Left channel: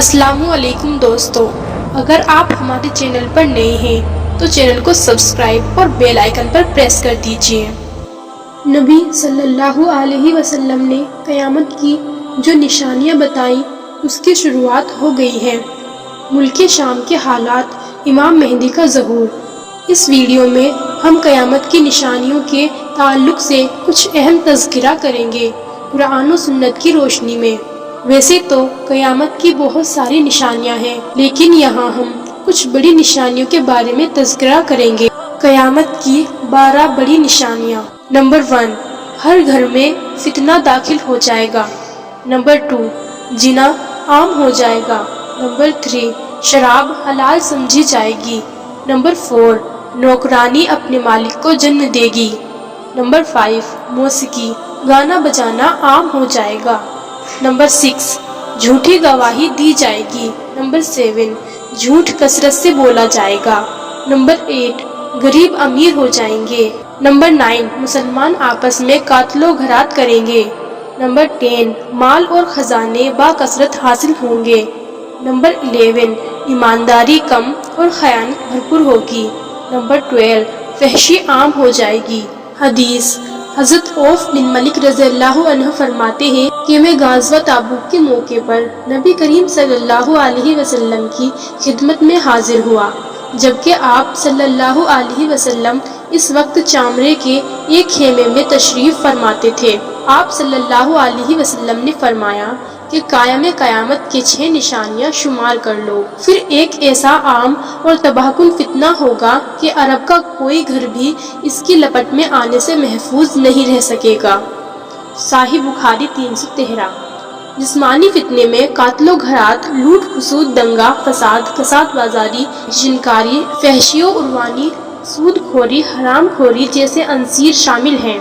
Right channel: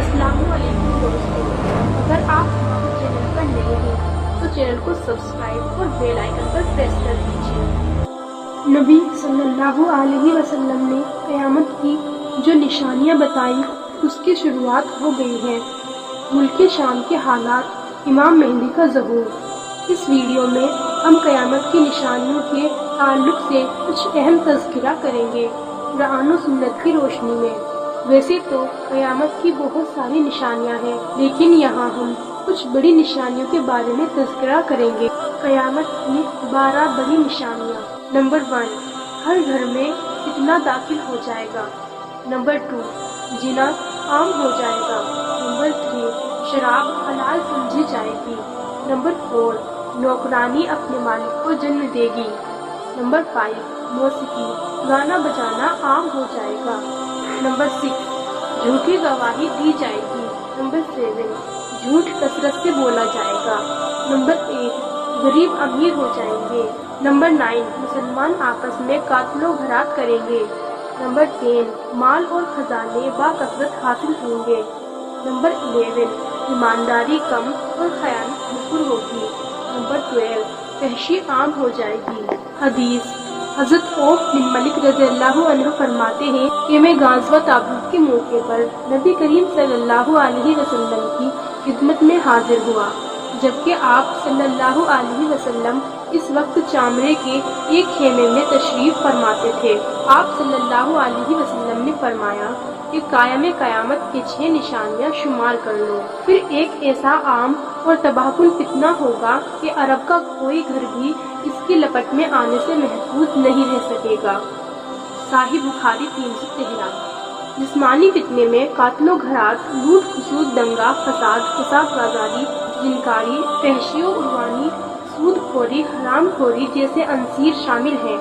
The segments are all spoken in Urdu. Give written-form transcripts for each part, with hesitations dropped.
السلام علیکم دوستو، اگر آپ ہمارے چینل پر نئے ہیں تو چینل کو سبسکرائب اور بیل آئیکن پر پریس کر دیجئے۔ نبی صلی اللہ علیہ وسلم نے قیامت کی جو نشانیاں بتائیں اس کی شروعات ہو گئی ہے۔ ملک شام کے حالات، امام مہدی کا ظہور۔ اس ویڈیو میں ہم قیامت کی نشانیوں کے تعلق سے کچھ اہم تذکرہ کریں گے قرآن و سنت کی روشنی میں۔ ویسے تو قیامت کی بہت ساری نشانیاں ہیں، لیکن یہاں ہم کچھ بڑی نشانیوں کے بارے میں تذکرہ کریں گے۔ قیامت کی 12 بڑی نشانیاں۔ نمبر 1، ہر گھر میں فتنہ داخل ہو جائے گا۔ نمبر 2، زنا عام ہو جائے گا۔ نمبر 3، شراب حلال سمجھی جائے گی۔ نمبر 4، نوکرانی اپنے مالک کو جنم دے گی۔ نمبر 5، موسیقی گانا بجانا عام ہو جائے گا۔ نمبر 6، جھوٹی گواہی دی جائے گی۔ نمبر 7، جھوٹ کثرت سے بولا جائے گا۔ نمبر 8، غریب امیر ہو جائیں گے۔ نمبر 9، مسلمان آپس میں قتل و غارت کریں گے۔ نمبر 10، مال اور خزانے با کثرت حاصل ہوں گے۔ نمبر 11، ایمانداری کم اور خیانت بھرپور ہوگی۔ نمبر 12، فحشی عام ہو جائے گی۔ حدیث، حضرت عوف بن مالک رضی اللہ عنہ فرماتے ہیں کہ میں غزوہ تبوک کے موقع پر نبی کریم صلی اللہ علیہ وسلم کی خدمت میں حاضر ہوا، جبکہ آپ صلی اللہ علیہ وسلم اس وقت چامرے کے ایک خیمے میں تشریف فرماتے تھے۔ آپ صلی اللہ علیہ وسلم نے فرمایا کہ قائم قیامت کے 6 نشانیاں شمار کر لو۔ پھر ایک ایسا عام اور تباہ کن فتنہ ہوگا کہ عرب کا کوئی گھر بھی اس کی لپٹ میں آنے سے محفوظ نہیں رہ سکے گا۔ صحیح بخاری 313۔ جسمانی فتنے میں قتل و غارت، لوٹ کھسوٹ، دنگا فساد، کساد بازاری، جنکاری، فحشی و عدوانی، سود خوری، حرام خوری جیسے عناصر شامل ہیں،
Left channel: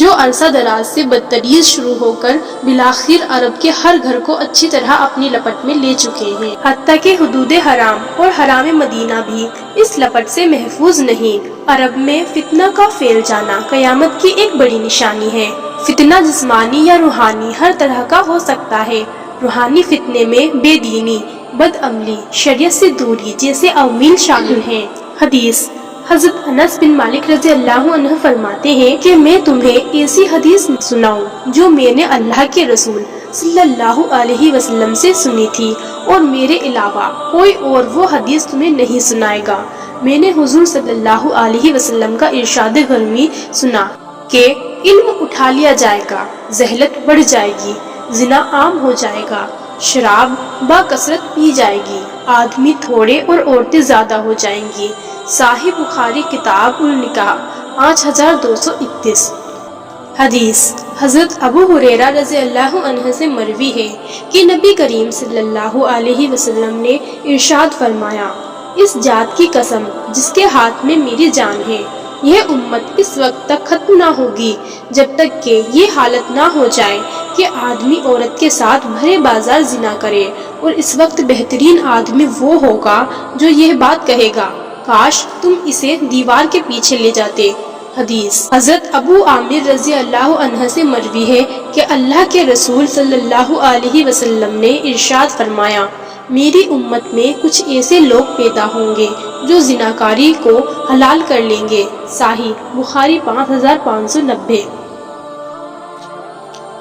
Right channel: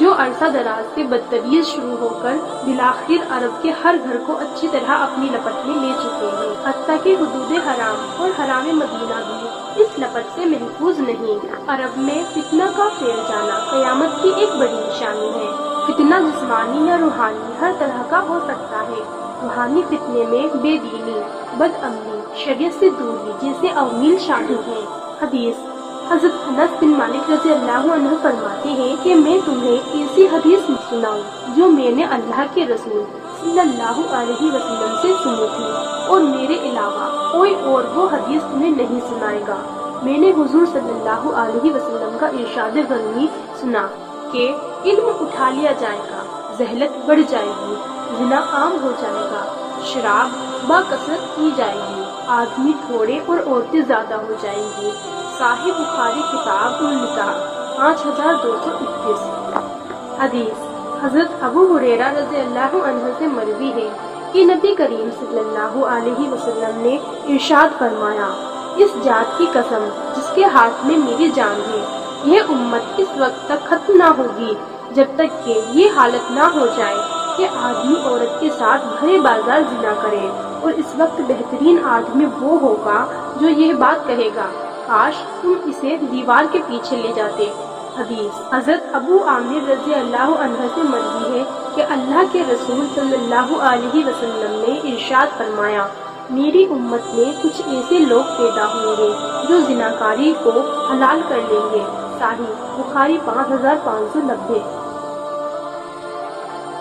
جو عرصہ دراز سے بدتدریج شروع ہو کر بالآخر عرب کے ہر گھر کو اچھی طرح اپنی لپٹ میں لے چکے ہیں۔ حتیٰ کہ حدود حرام اور حرام مدینہ بھی اس لپٹ سے محفوظ نہیں۔ عرب میں فتنہ کا پھیل جانا قیامت کی ایک بڑی نشانی ہے۔ فتنہ جسمانی یا روحانی ہر طرح کا ہو سکتا ہے۔ روحانی فتنے میں بے دینی، بد عملی، شریعت سے دوری جیسے عوامل شامل ہیں۔ حدیث، حضرت انس بن مالک رضی اللہ عنہ فرماتے ہیں کہ میں تمہیں ایسی حدیث سناؤں جو میں نے اللہ کے رسول صلی اللہ علیہ وسلم سے سنی تھی، اور میرے علاوہ کوئی اور وہ حدیث تمہیں نہیں سنائے گا۔ میں نے حضور صلی اللہ علیہ وسلم کا ارشاد گرامی سنا کہ علم اٹھا لیا جائے گا، جہالت بڑھ جائے گی، زنا عام ہو جائے گا، شراب با کثرت پی جائے گی، آدمی تھوڑے اور عورتیں زیادہ ہو جائیں گی۔ صحیح بخاری کتاب النکاح 5231۔ حدیث، حضرت ابو ہریرہ رضی اللہ عنہ سے مروی ہے کہ نبی کریم صلی اللہ علیہ وسلم نے ارشاد فرمایا، اس ذات کی قسم جس کے ہاتھ میں میری جان ہے، یہ امت اس وقت تک ختم نہ ہوگی جب تک کہ یہ حالت نہ ہو جائے کہ آدمی عورت کے ساتھ بھرے بازار زنا کرے، اور اس وقت بہترین آدمی وہ ہوگا جو یہ بات کہے گا، کاش تم اسے دیوار کے پیچھے لے جاتے۔ حدیث، حضرت ابو عامر رضی اللہ عنہ سے مروی ہے کہ اللہ کے رسول صلی اللہ علیہ وسلم نے ارشاد فرمایا، میری امت میں کچھ ایسے لوگ پیدا ہوں گے جو زناکاری کو حلال کر لیں گے۔ صحیح بخاری 5590۔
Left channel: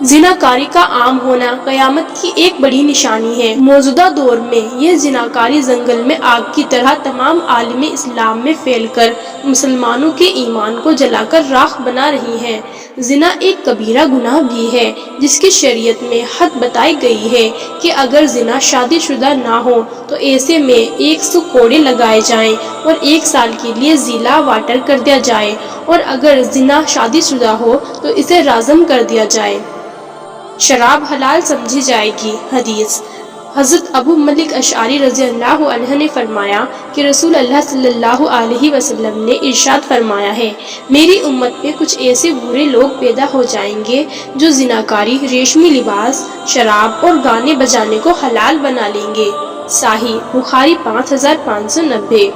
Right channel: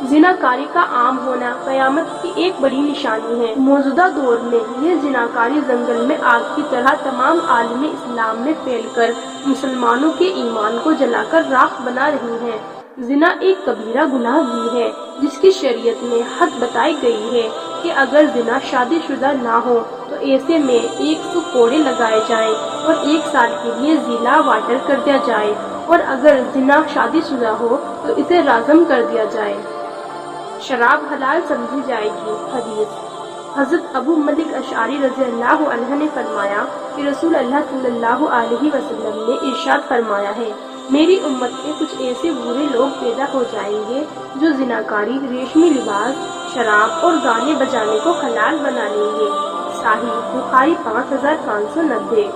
زناکاری کا عام ہونا قیامت کی ایک بڑی نشانی ہے۔ موجودہ دور میں یہ زناکاری جنگل میں آگ کی طرح تمام عالم اسلام میں پھیل کر مسلمانوں کے ایمان کو جلا کر راکھ بنا رہی ہے۔ زنا ایک کبیرہ گناہ بھی ہے جس کی شریعت میں حد بتائی گئی ہے کہ اگر زنا شادی شدہ نہ ہو تو ایسے میں 100 کوڑے لگائے جائیں اور 1 سال کے لیے ضلع واٹر کر دیا جائے، اور اگر زنا شادی شدہ ہو تو اسے رجم کر دیا جائے۔ شراب حلال سمجھی جائے گی۔ حدیث، حضرت ابو مالک اشعری رضی اللہ عنہ نے فرمایا کہ رسول اللہ صلی اللہ علیہ وسلم نے ارشاد فرمایا ہے، میری امت میں کچھ ایسے برے لوگ پیدا ہو جائیں گے جو زناکاری، ریشمی لباس، شراب اور گانے بجانے کو حلال بنا لیں گے۔ صحیح بخاری 5590۔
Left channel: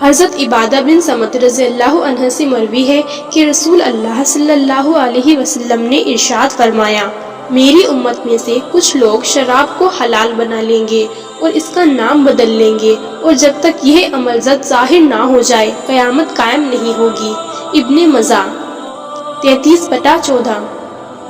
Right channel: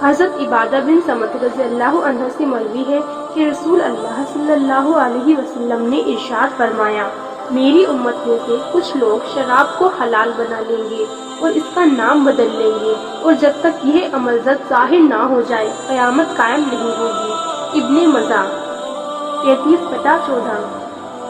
حضرت عبادہ بن صمت رضی اللہ عنہ سے مروی ہے کہ رسول اللہ صلی اللہ علیہ وسلم نے ارشاد فرمایا، میری امت میں سے کچھ لوگ شراب کو حلال بنا لیں گے اور اس کا نام بدل لیں گے، اور جب تک یہ عمل زد ظاہر نہ ہو جائے قیامت قائم نہیں ہوگی۔ ابن مزہ 33/14۔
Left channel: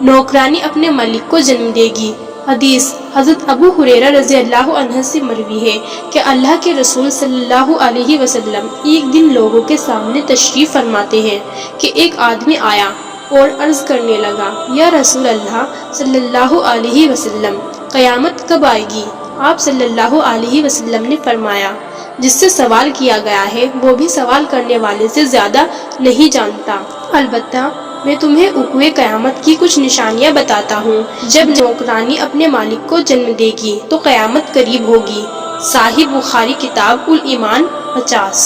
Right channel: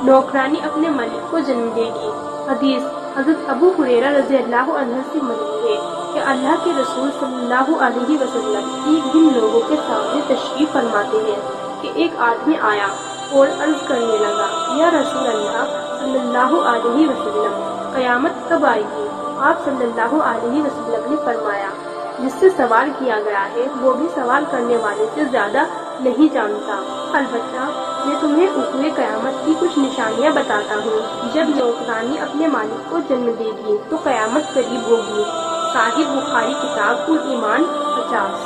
نوکرانی اپنے مالک کو جنم دے گی۔ حدیث حضرت ابو ہریرہ رضی اللہ عنہ سے مروی ہے کہ اللہ کے رسول صلی اللہ علیہ وسلم ایک دن لوگوں کے سامنے تشریف فرماتے ہیں کہ ایک آدمی آیا اور عرض کرنے لگا، یا رسول اللہ صلی اللہ علیہ وسلم، قیامت کب آئے گی؟ آپ صلی اللہ علیہ وسلم نے فرمایا، جس سے سوال کیا گیا ہے وہ بھی سوال کرنے والے سے زیادہ نہیں جانتا، البتہ میں تمہیں وقوع قیامت کی کچھ نشانیاں بتاتا ہوں۔ جب نوکرانی اپنے مالک کو جنم دے گی تو قیامت قریب ہوگی۔ صحیح بخاری کتاب الایمان 50۔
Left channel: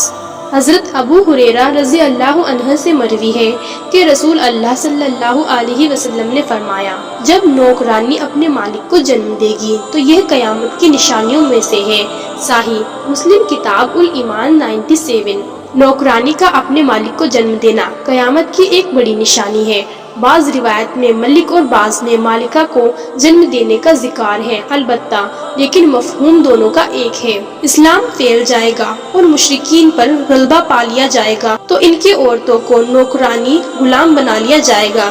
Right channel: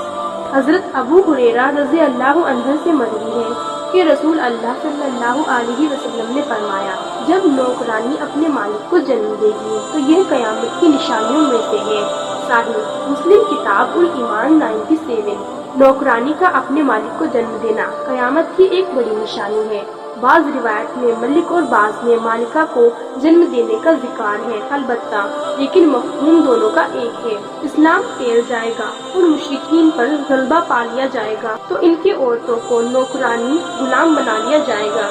حضرت ابو ہریرہ رضی اللہ عنہ سے مروی ہے کہ رسول اللہ صلی اللہ علیہ وسلم نے فرمایا، جب نوکرانی اپنے مالک کو جنم دے گی تو یہ قیامت کی نشانیوں میں سے ہے۔ صحیح مسلم کتاب الایمان 97۔ نوکرانی کا اپنے مالک کو جنم دینا قیامت کی ایک بڑی نشانی ہے۔ بعض روایت میں ملک اور بعض میں مالکہ کو جنم دینے کا ذکر ہے، البتہ لیکن مفہوم دونوں کا ایک ہے۔ اسلام پھیل جائے گا اور مشرکین پر غلبہ پا لیا جائے گا تو ان کی عورتوں کو نوکرانی غلام بنا لیا جائے گا،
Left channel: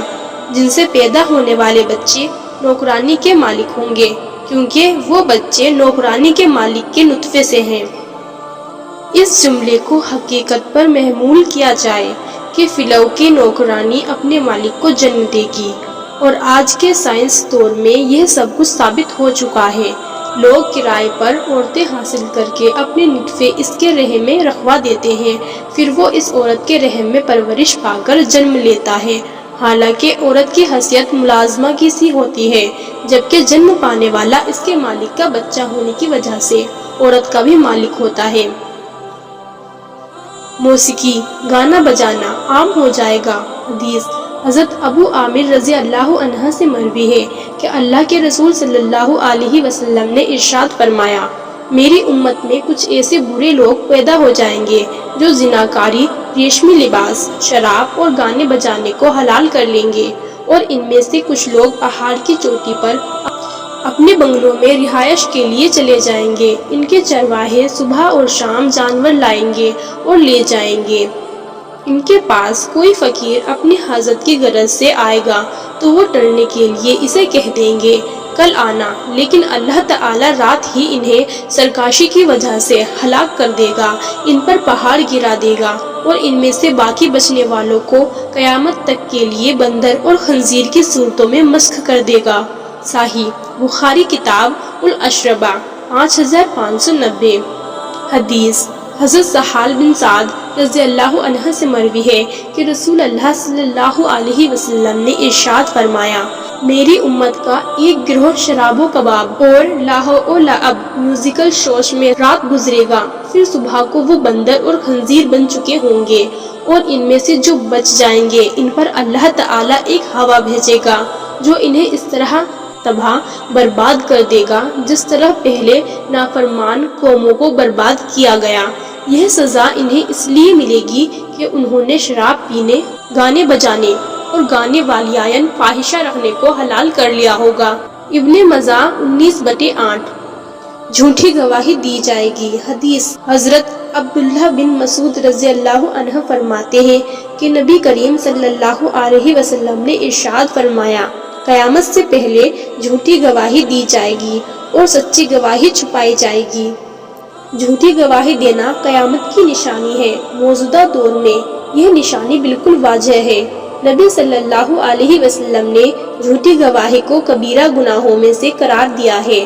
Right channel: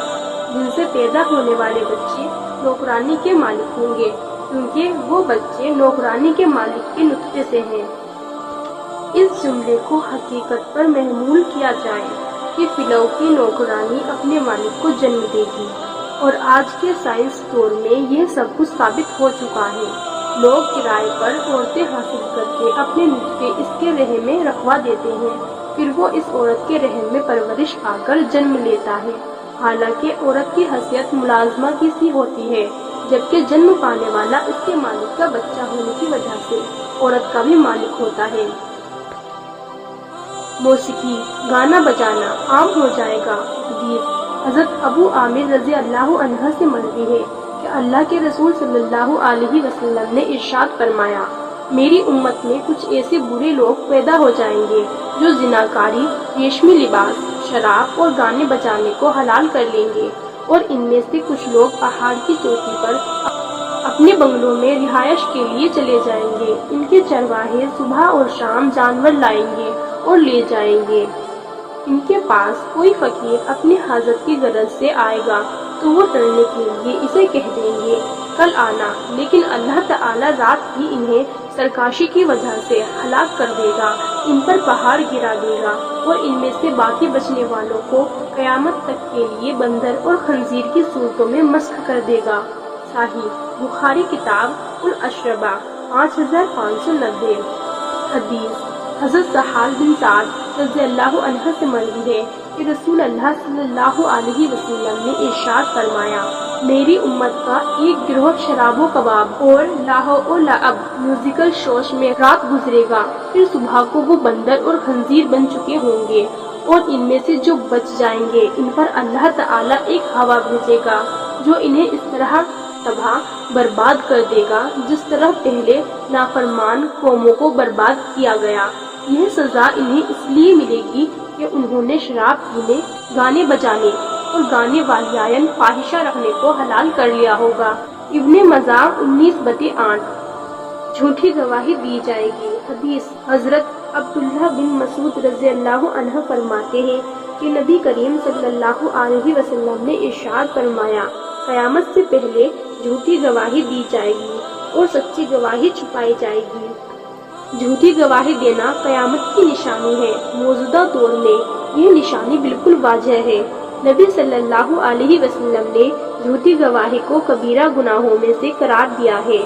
جن سے پیدا ہونے والے بچے نوکرانی کے مالک ہوں گے، کیونکہ وہ بچے نوکرانی کے مالک کے نطفے سے ہیں۔ اس جملے کو حقیقت پر محمول کیا جائے کہ فلو کی نوکرانی اپنے مالک کو جنم دے گی، اور آج کے سائنس دور میں یہ سب کچھ ثابت ہو چکا ہے۔ لوگ کرائے پر عورتیں حاصل کر کے اپنے نطفے اس کے رحم میں رکھوا دیتے ہیں، پھر وہ اس عورت کے رحم میں پرورش پا کر جنم لیتا ہے، حالانکہ عورت کی حیثیت ملازمہ کی سی ہوتی ہے، جبکہ جنم پانے والا اس کے مالک کا بچہ ہونے کی وجہ سے عورت کا بھی مالک ہوتا ہے۔ موسیقی، گانا بجانا عام ہو جائے گا۔ حدیث حضرت ابو عامر رضی اللہ عنہ سے مروی ہے کہ اللہ کے رسول صلی اللہ علیہ وسلم نے ارشاد فرمایا، میری امت میں کچھ ایسے برے لوگ پیدا ہو جائیں گے جو زناکاری، ریشمی لباس، شراب اور گانے بجانے کو حلال کر لیں گے، اور ان میں سے کچھ لوگ پہاڑ کی چوٹی پر اپنے بنگلوں میں رہائش کے لیے چلے جائیں گے۔ ان کے چرواہے صبح اور شام جانور لائیں گے اور لے جائیں گے۔ ان کے پاس کوئی فقیر اپنی حاجت کی غرض سے آئے گا تو وہ ٹرنے کے لیے اسے کہہ دیں گے کل آنا، لیکن اللہ تعالی رات ہی انہیں سرکشی کی وجہ سے ہلاک کر دے گا، ان پر پہاڑ گرا دے گا، اور ان میں سے باقی بچنے والوں کو قیامت تک کے لیے بندر اور خنزیر کی صورتوں میں مسخ کر دے گا۔ صحیح بخاری کتاب الاشربہ 5590۔ حدیث حضرت سہل بن سعد رضی اللہ عنہ سے مروی ہے کہ رسول اللہ صلی اللہ علیہ وسلم نے ارشاد فرمایا، میری امت کا ایک گروہ شراب و کباب اور لاہو و لعب میوزیکل شوز میں رات گزرے گا، پھر صبح کو وہ بندر اور خنزیر بن چکے ہوں گے، اور ان میں سے جو بچ جائیں گے ان پر اللہ تعالی ایک ہوا بھیجے گا جو انہیں اس طرح تباہ برباد کر دے گا جس طرح پہلے نافرمان قوموں کو برباد کیا گیا۔ یہ سزا انہیں اس لیے ملے گی کہ انہوں نے شراب پینے، گانے بجانے اور گانے والیان فاحشہ رکھنے کو حلال کر لیا ہوگا۔ ابن مزہ 19/8۔ جھوٹی گواہی دی جائے گی۔ حدیث حضرت عبداللہ بن مسعود رضی اللہ عنہ فرماتے ہیں کہ نبی کریم صلی اللہ علیہ وسلم نے ارشاد فرمایا، قیامت سے پہلے جھوٹی گواہی دی جائے گی اور سچی گواہی چھپائی جائے گی۔ جھوٹی گواہی دینا قیامت کی نشانی ہے۔ موجودہ دور میں یہ نشانی بالکل واضح ہے۔ نبی صلی اللہ علیہ وسلم نے جھوٹی گواہی کو کبیرہ گناہوں میں سے قرار دیا ہے۔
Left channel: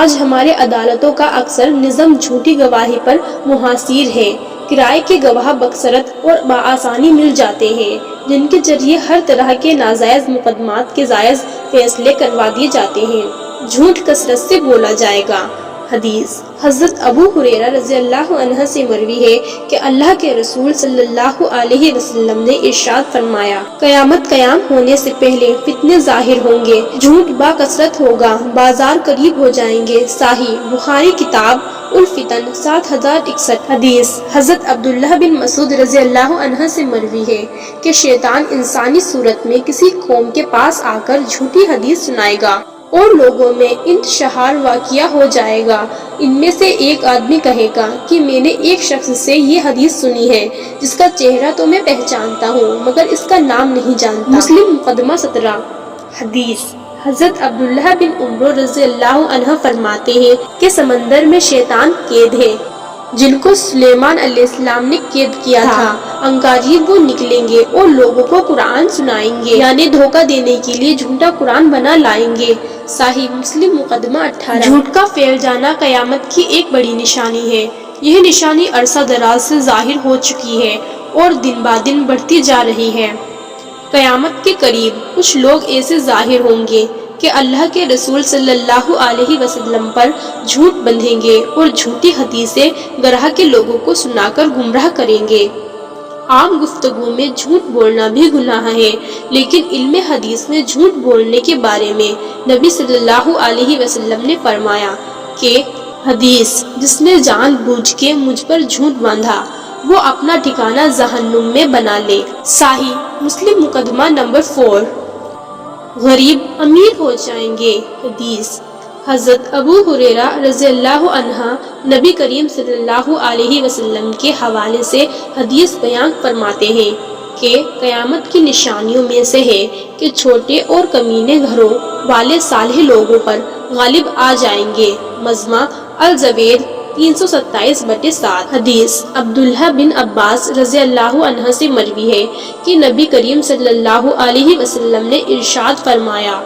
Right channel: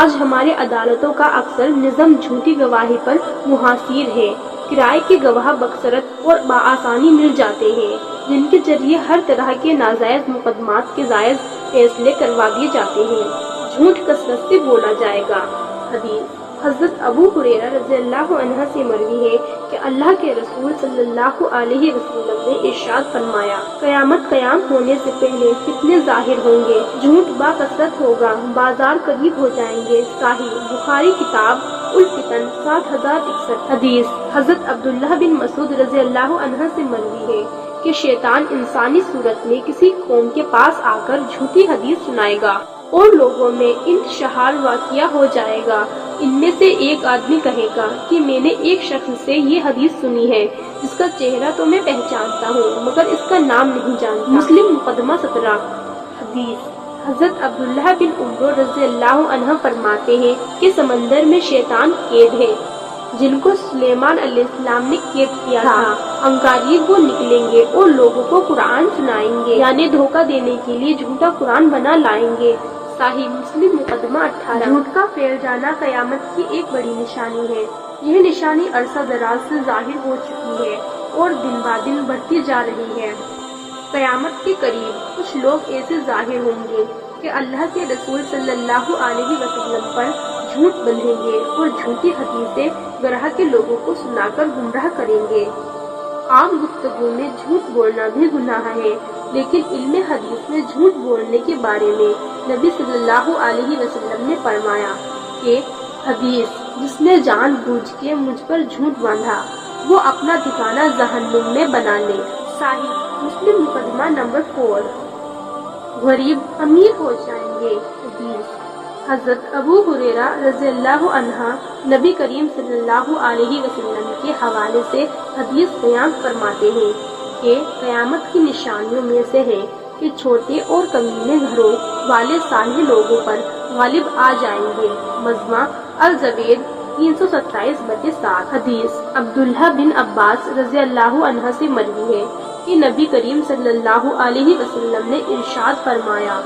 آج ہمارے عدالتوں کا اکثر نظام جھوٹی گواہی پر منحصر ہے۔ کرائے کے گواہ بکثرت اور بآسانی مل جاتے ہیں، جن کے ذریعے ہر طرح کے ناجائز مقدمات کے جائز فیصلے کروا دیے جاتے ہیں۔ جھوٹ کثرت سے بولا جائے گا۔ حدیث حضرت ابو ہریرہ رضی اللہ عنہ سے مروی ہے کہ اللہ کے رسول صلی اللہ علیہ وسلم نے ارشاد فرمایا، قیامت قیام ہونے سے پہلے فتنے ظاہر ہوں گے، جھوٹ با کثرت ہوگا، بازار قریب ہو جائیں گے۔ صحیح بخاری کتاب الفتن 7061 حدیث حضرت عبداللہ بن مسعود رضی اللہ عنہ سے مروی ہے کہ شیطان انسانی صورت میں کسی قوم کے پاس آ کر جھوٹی حدیث سنائے گا اور لوگوں میں انتشار واقعہ ہو جائے گا۔ ان میں سے ایک آدمی کہے گا کہ میں نے ایک شخص سے یہ حدیث سنی ہے جس کا چہرہ تو میں پہچانتا ہوں مگر اس کا نام نہیں جانتا۔ مسلم مقدمہ 17 حدیث حضرت عبداللہ بن عمر رضی اللہ عنہ فرماتے ہیں کہ سمندر میں شیطان قید ہے جن کو سلیمان علیہ السلام نے قید کیا تھا۔ عنقریب وہ نکلیں گے اور لوگوں کو قرآن سنائیں گے، یعنی دھوکہ دینے کے لیے جھوٹا قرآن بنا لائیں گے۔ صحیح مسلم مقدمہ 18 جھوٹ کا پھیل جانا قیامت کی ایک بڑی نشانی ہے۔ یہ نشانی عرصہ دراز سے ظاہر ہو چکی ہے اور دن بعد دن بڑھتی جا رہی ہے۔ قیامت کے قریب کچھ لوگ ایسے ظاہر ہوں گے کہ اللہ کے رسول صلی اللہ علیہ وسلم پر جھوٹ بندھیں گے اور جھوٹی حدیثیں گراہ کے لوگوں کو سنا کر گمراہ کریں گے۔ عام گفتگو میں جھوٹ بولنا بھی گناہ ہے، لیکن علم حدیث میں جھوٹ بولنے کے بارے میں نبی صلی اللہ علیہ وسلم نے فرمایا کہ حدیث جس نے جان بوجھ کے مجھ پر جھوٹ باندھا وہ اپنا ٹھکانہ جہنم میں بنا لے۔ صحیح مسلم مقدمہ نمبر 4 غریب امیر ہو جائیں گے۔ حدیث حضرت ابو ہریرہ رضی اللہ عنہ نبی کریم صلی اللہ علیہ وسلم کے حوالے سے حدیث بیان فرماتے ہیں کہ قیامت کی نشانیوں میں سے ہے کہ چھوٹے اور کمینے گھروں والے صالح لوگوں پر غالب آ جائیں گے۔ مجمع الزبید 327/7 حدیث عبداللہ بن عباس رضی اللہ عنہ سے مروی ہے کہ نبی کریم صلی اللہ علیہ وسلم نے ارشاد فرمایا،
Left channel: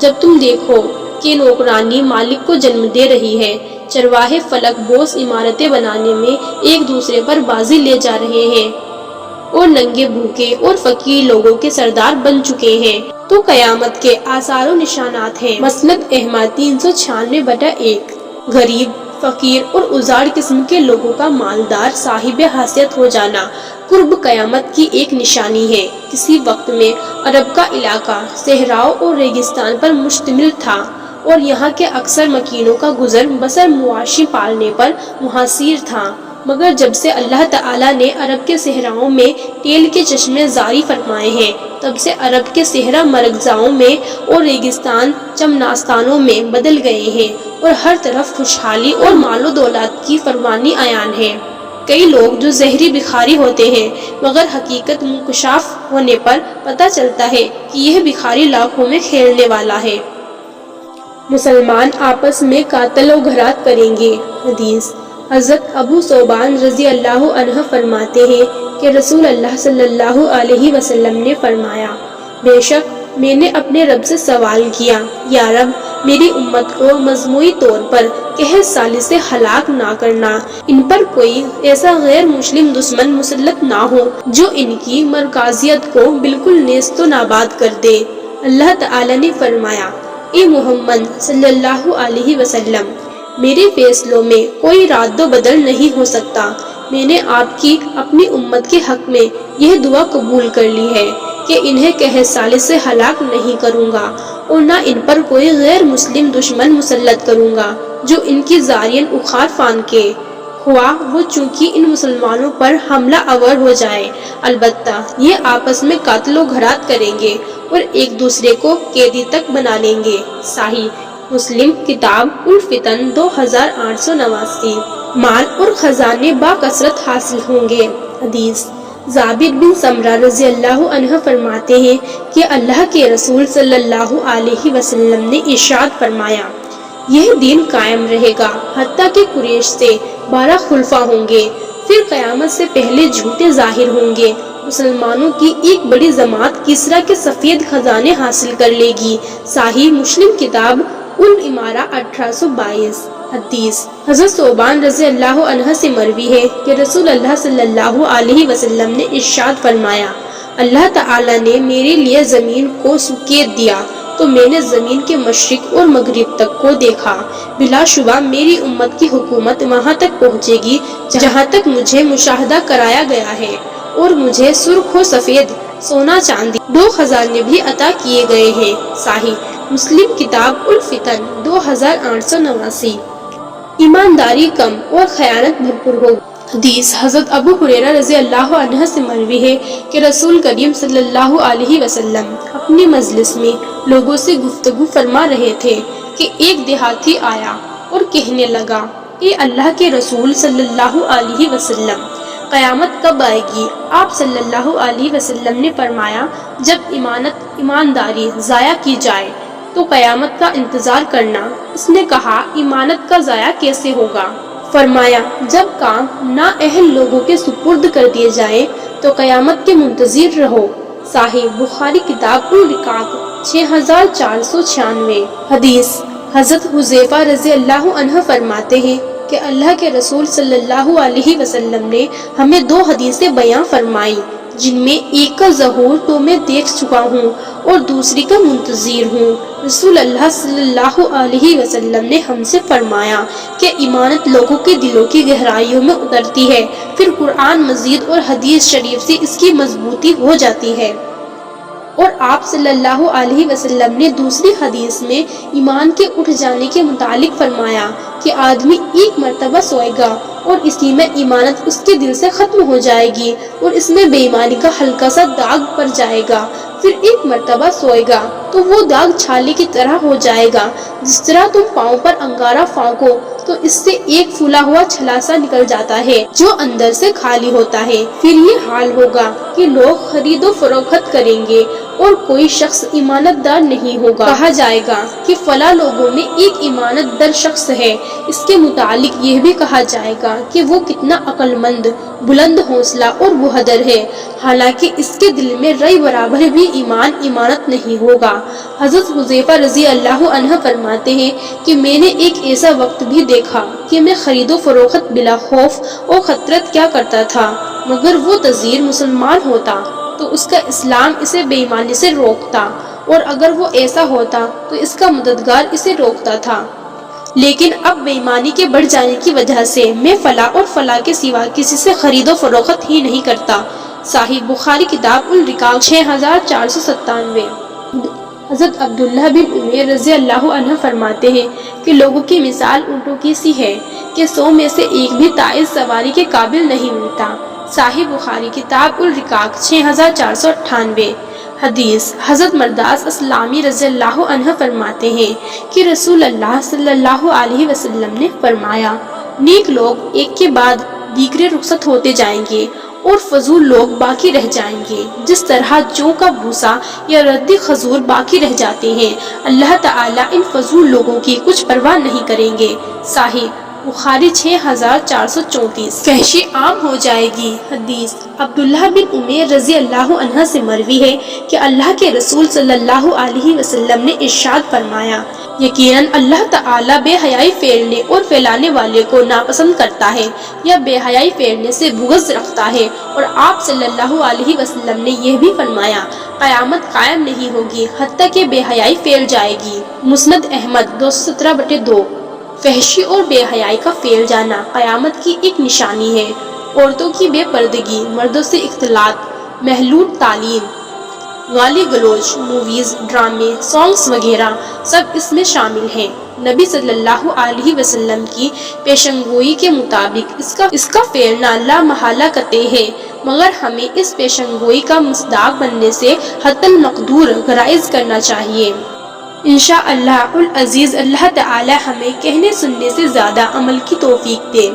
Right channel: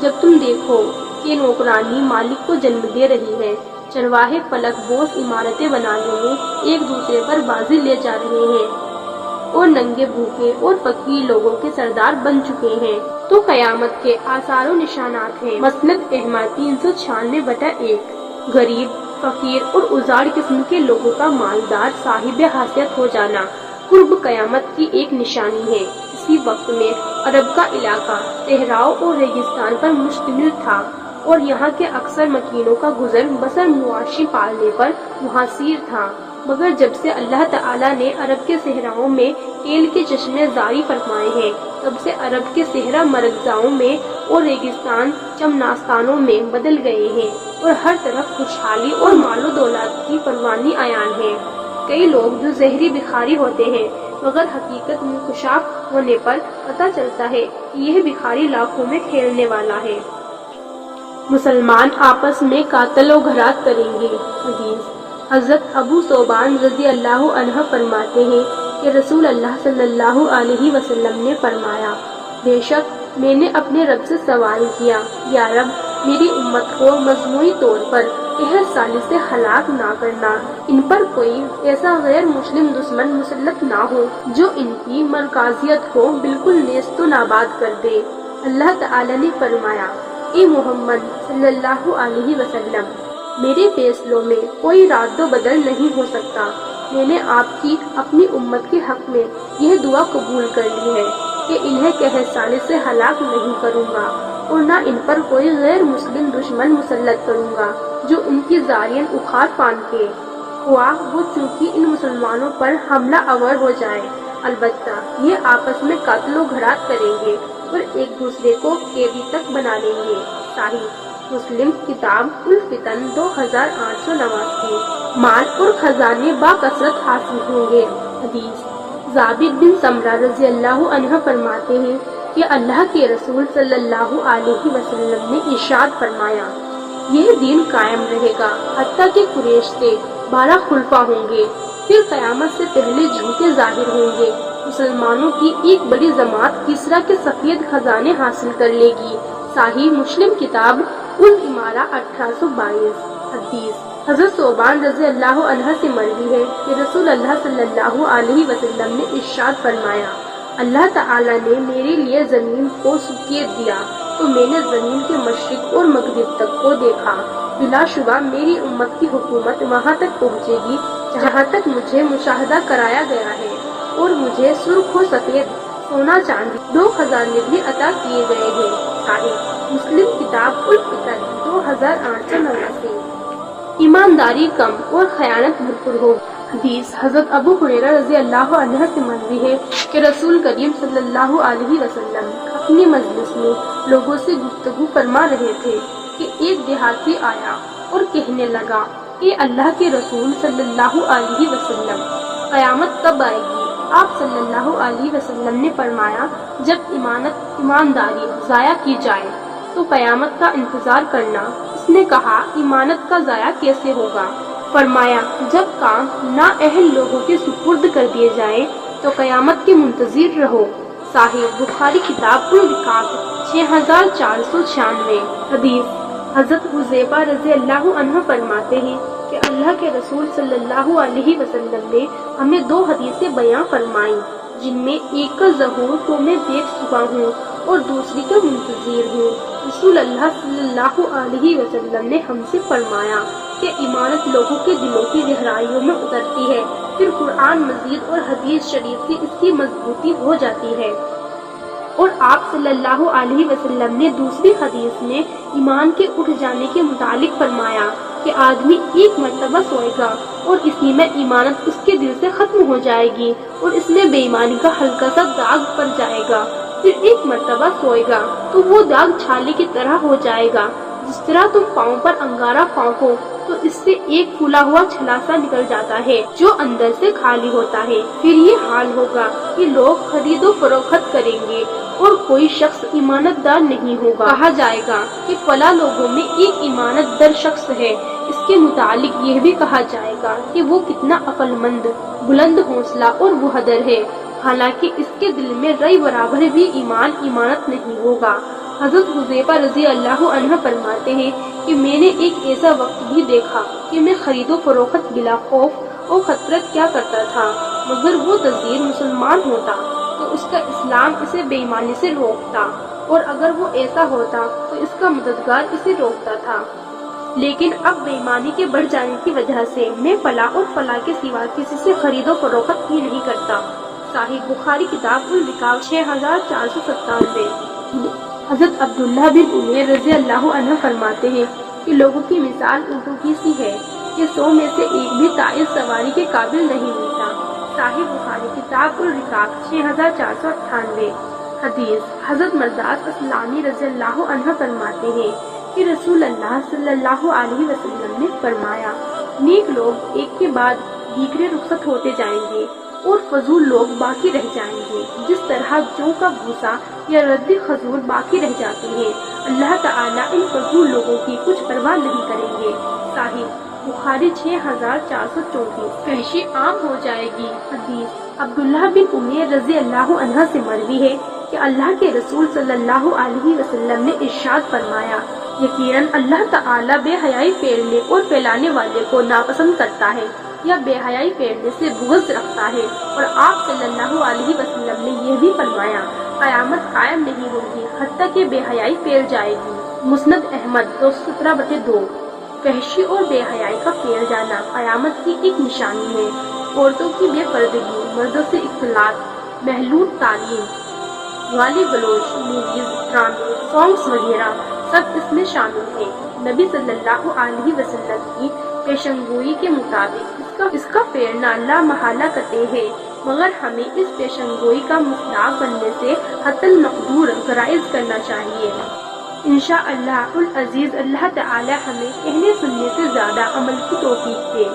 جب تم دیکھو کہ نوکرانی مالک کو جنم دے رہی ہے، چرواہے فلک بوس عمارتیں بنانے میں ایک دوسرے پر بازی لے جا رہے ہیں اور ننگے بھوکے اور فقیر لوگوں کے سردار بن چکے ہیں، تو قیامت کے آثار و نشانات ہیں۔ مسند احمد 396/1 غریب، فقیر اور ازاڑ قسم کے لوگوں کا مالدار صاحب حیثیت ہو جانا قرب قیامت کی ایک نشانی ہے۔ کسی وقت میں عرب کا علاقہ صحراؤں اور ریگستان پر مشتمل تھا اور یہاں کے اکثر مکینوں کا گزر بسر مواشی پالنے پر منحصر تھا، مگر جب سے اللہ تعالیٰ نے عرب کے صحراؤں میں تیل کے چشمے جاری فرمائے ہیں، تب سے عرب کے صحرا مرغزاؤں میں اور ریگستان چمناستانوں میں بدل گئے ہیں اور ہر طرف خوشحالی اور مال و دولت کی فراوانی عیان ہے۔ کئی لوگ جو زہری بخاری ہوتے ہیں مگر حقیقت منکشاف ہونے پر پتہ چلتا ہے کہ یہ بخاری لاکھوں میں کھیلنے والا ہے۔ مسلمان آپس میں قاتل و غارت کریں گے۔ حدیث حضرت ابو ثوبان رضی اللہ عنہ فرماتے ہیں کہ رسول اللہ صلی اللہ علیہ وسلم نے فرمایا، بے شک میں نے اپنے رب سے سوال کیا، یا رب میری امت کو مجموعی طور پر قحط سالی سے ہلاک نہ کرنا، ان پر کوئی ایسا غیر مسلم دشمن مسلط نہ ہو جو ان کی مرکزیت کو بالکل نیست و ناباد کر دے۔ اللہ تعالی نے فرمایا، اے محمد صلی اللہ علیہ وسلم، میرے فیصلوں میں کوئی رد و بدل نہیں ہو سکتا۔ میں نے آپ کی اپنی امت کے حق میں یہ دعا قبول کر لی ہے کہ انہیں قحط سالی سے ہلاک نہیں کروں گا اور نہ ان پر کوئی غیر مسلم دشمن مسلط کروں گا جو ان کی زارین اخار فان کے ہوا وہ چونکہ ان مسلمانوں پر حملہ آور ہو جائے، البتہ یہ آپس میں قتل و غارت کریں گے اور ایک دوسرے کو قیدی تک بنا لیں گے۔ صحیح مسلم کتاب الفتن 2889 مال اور خزانے با کثرت حاصل ہوں گے۔ حدیث جابر بن سمرہ رضی اللہ عنہ فرماتے ہیں کہ اللہ کے رسول صلی اللہ علیہ وسلم نے ارشاد فرمایا، یہ دین قائم رہے گا حتیٰ کہ قریش سے 12 خلفاء ہوں گے، پھر قیامت سے پہلے جھوٹے ظاہر ہوں گے، مسلمانوں کی ایک بڑی جماعت کسریٰ کے سفید خزانے حاصل کر لے گی۔ صحیح مسلم کتاب الامارہ 1822 حدیث حضرت ثوبان رضی اللہ عنہ سے مروی ہے کہ رسول اللہ صلی اللہ علیہ وسلم نے ارشاد فرمایا، اللہ تعالی نے میرے لیے زمین کو سکیت دیا تو میں نے زمین کے مشرق اور مغرب تک کو دیکھا، بلا شبہ میری امت کی حکومت وہاں تک پہنچے گی جہاں تک مجھے مشاہدہ کرایا گیا ہے، اور مجھے سرخ و سفید سونا چاندی 2 خزانے بھی عطا کیے گئے ہیں۔ صحیح مسلم کتاب الفتن 2889 ایمانداری کم اور خیانت بھرپور ہو۔ حدیث حضرت ابو ہریرہ رضی اللہ عنہ سے مروی ہے کہ رسول کریم صلی اللہ علیہ وسلم اپنی مجلس میں لوگوں سے گفتگو فرما رہے تھے کہ ایک دیہاتی آیا اور کہنے لگا، اے اللہ کے رسول صلی اللہ علیہ وسلم، قیامت کب آئے گی؟ آپ صلی اللہ علیہ وسلم نے فرمایا، جب ایمانداری ضائع کی جائے تو قیامت کا انتظار کرنا۔ اس نے کہا، ایمانت کا ضائع کیسے ہوگا؟ فرمایا، جب کام نااہل لوگوں کے سپرد کر دیے جائیں تو قیامت کے منتظر رہو۔ صحیح بخاری کتاب الرقاق 6496۔ حدیث حضرت حذیفہ رضی اللہ عنہ فرماتے ہیں کہ اللہ کے رسول صلی اللہ علیہ وسلم نے ہمیں 2 حدیثیں بیان فرمائی، جن میں ایک کا ظہور تو میں دیکھ چکا ہوں اور دوسری کا منتظر ہوں۔ رسول اللہ صلی اللہ علیہ وسلم نے ہم سے فرمایا کہ ایمانت لوگوں کے دلوں کی گہرائیوں میں اترتی ہے، پھر قرآن مجید اور حدیث شریف سے اس کی مضبوطی ہو جاتی ہے۔ اور آپ صلی اللہ علیہ وسلم نے دوسری حدیث میں ایمان کے اٹھ جانے کے متعلق فرمایا کہ آدمی ایک مرتبہ سوئے گا اور اسی میں ایمانت اس کے دل سے ختم ہو جائے گی اور اس میں بے ایمانی کا ہلکا سا داغ پڑ جائے گا، پھر ایک مرتبہ سوئے گا تو وہ داغ چھالے کی طرح ہو جائے گا۔ جس طرح تم پاؤں پر انگارہ پھونکو تو اس سے ایک پھولا ہوا چھلاسا نکل جاتا ہے جو اندر سے خالی ہوتا ہے۔ پھر یہ حال ہوگا کہ لوگ خرید و فروخت کریں گے اور کوئی شخص ایمانت دار نہیں ہوگا۔ کہا جائے گا کہ فلاں لوگوں میں ایک ایمانت دار شخص ہے، اس کے متعلق یہ بھی کہا جائے گا کہ وہ کتنا عقل مند، بلند حوصلہ اور بہادر ہے، حالانکہ اس کے دل میں رئی برابر بھی ایمانت نہیں ہوگا۔ حضرت حذیفہ رضی اللہ عنہ فرماتے ہیں کہ میں نے ایک ایسا وقت بھی دیکھا کہ میں خرید و فروخت بلا خوف اور خطرت کیا کرتا تھا، مگر وہ تذیر مسلمان ہوتا تو اس کا اسلام اسے بے ایمانی سے روکتا، اور اگر وہ ایسا ہوتا تو اس کا مددگار اسے روکتا تھا۔ لیکن اب بے ایمانی کے بڑھ جانے کی وجہ سے میں فلاں اور فلاں کے سوا کسی سے خرید و فروخت ہی نہیں کرتا۔ صحیح بخاری کتاب الرقاق 6497۔ حضرت عبداللہ بن عمیر رضی اللہ عنہ فرماتے ہیں کہ لوگوں کی مثال اونٹوں کی سی ہے کہ 100 میں سے ایک بھی تائز سواری کے قابل نہیں ملتا۔ صحیح بخاری کتاب الرقاق 6498۔ حدیث حضرت مرداس اسلامی رضی اللہ عنہ فرماتے ہیں کہ رسول اللہ صلی اللہ علیہ وسلم نے فرمایا، نیک لوگ ایک کے بعد دیگرے رخصت ہوتے جائیں گے اور فضول لوگ باقی رہ جائیں گے، جس طرح جو کا بھوسا یا ردی کھجور باقی رہ جاتے ہیں۔ اللہ تعالیٰ ان فضول لوگوں کی کچھ پرواہ نہیں کریں گے۔ صحیح بخاری 6434۔ فحشی عام ہو جائے گی۔ حدیث عبداللہ بن عمیر رضی اللہ عنہ سے مروی ہے کہ اللہ کے رسول صلی اللہ علیہ وسلم نے ارشاد فرمایا، یقیناً اللہ تعالیٰ بے حیائی پھیرنے اور پھیلانے والے کو ناپسند کرتا ہے یا بے حیائی پھیرنے سے بغض رکھتا ہے۔ اور آپ صلی اللہ علیہ وسلم نے یہ بھی فرمایا، قیامت قائم نہیں ہوگی حتیٰ کہ بے حیائی پھیل جائے گی۔ مسند احمد 217/2۔ فحشی اور بے حیائی کا پھیل جانا قیامت کی ایک نشانی ہے۔ عورتوں کی بے پردگی، مردوں سے اختلاط، محلول تعلیم، گالی گلوچ، موویز، ڈرامے، سانگز وغیرہ سب اس میں شامل ہیں۔ نبی صلی اللہ علیہ وسلم کی پیشنگوئی کے مطابق اس کا پھیلنا لا محالہ قطعی ہے، مگر ہمیں اس پیشنگوئی کا مصداق بننے سے حتی المقدور گریز کرنا چاہیے۔ انشاءاللہ العزیز اللہ تعالی ہمیں کہنے سننے سے زیادہ عمل کی توفیق دے۔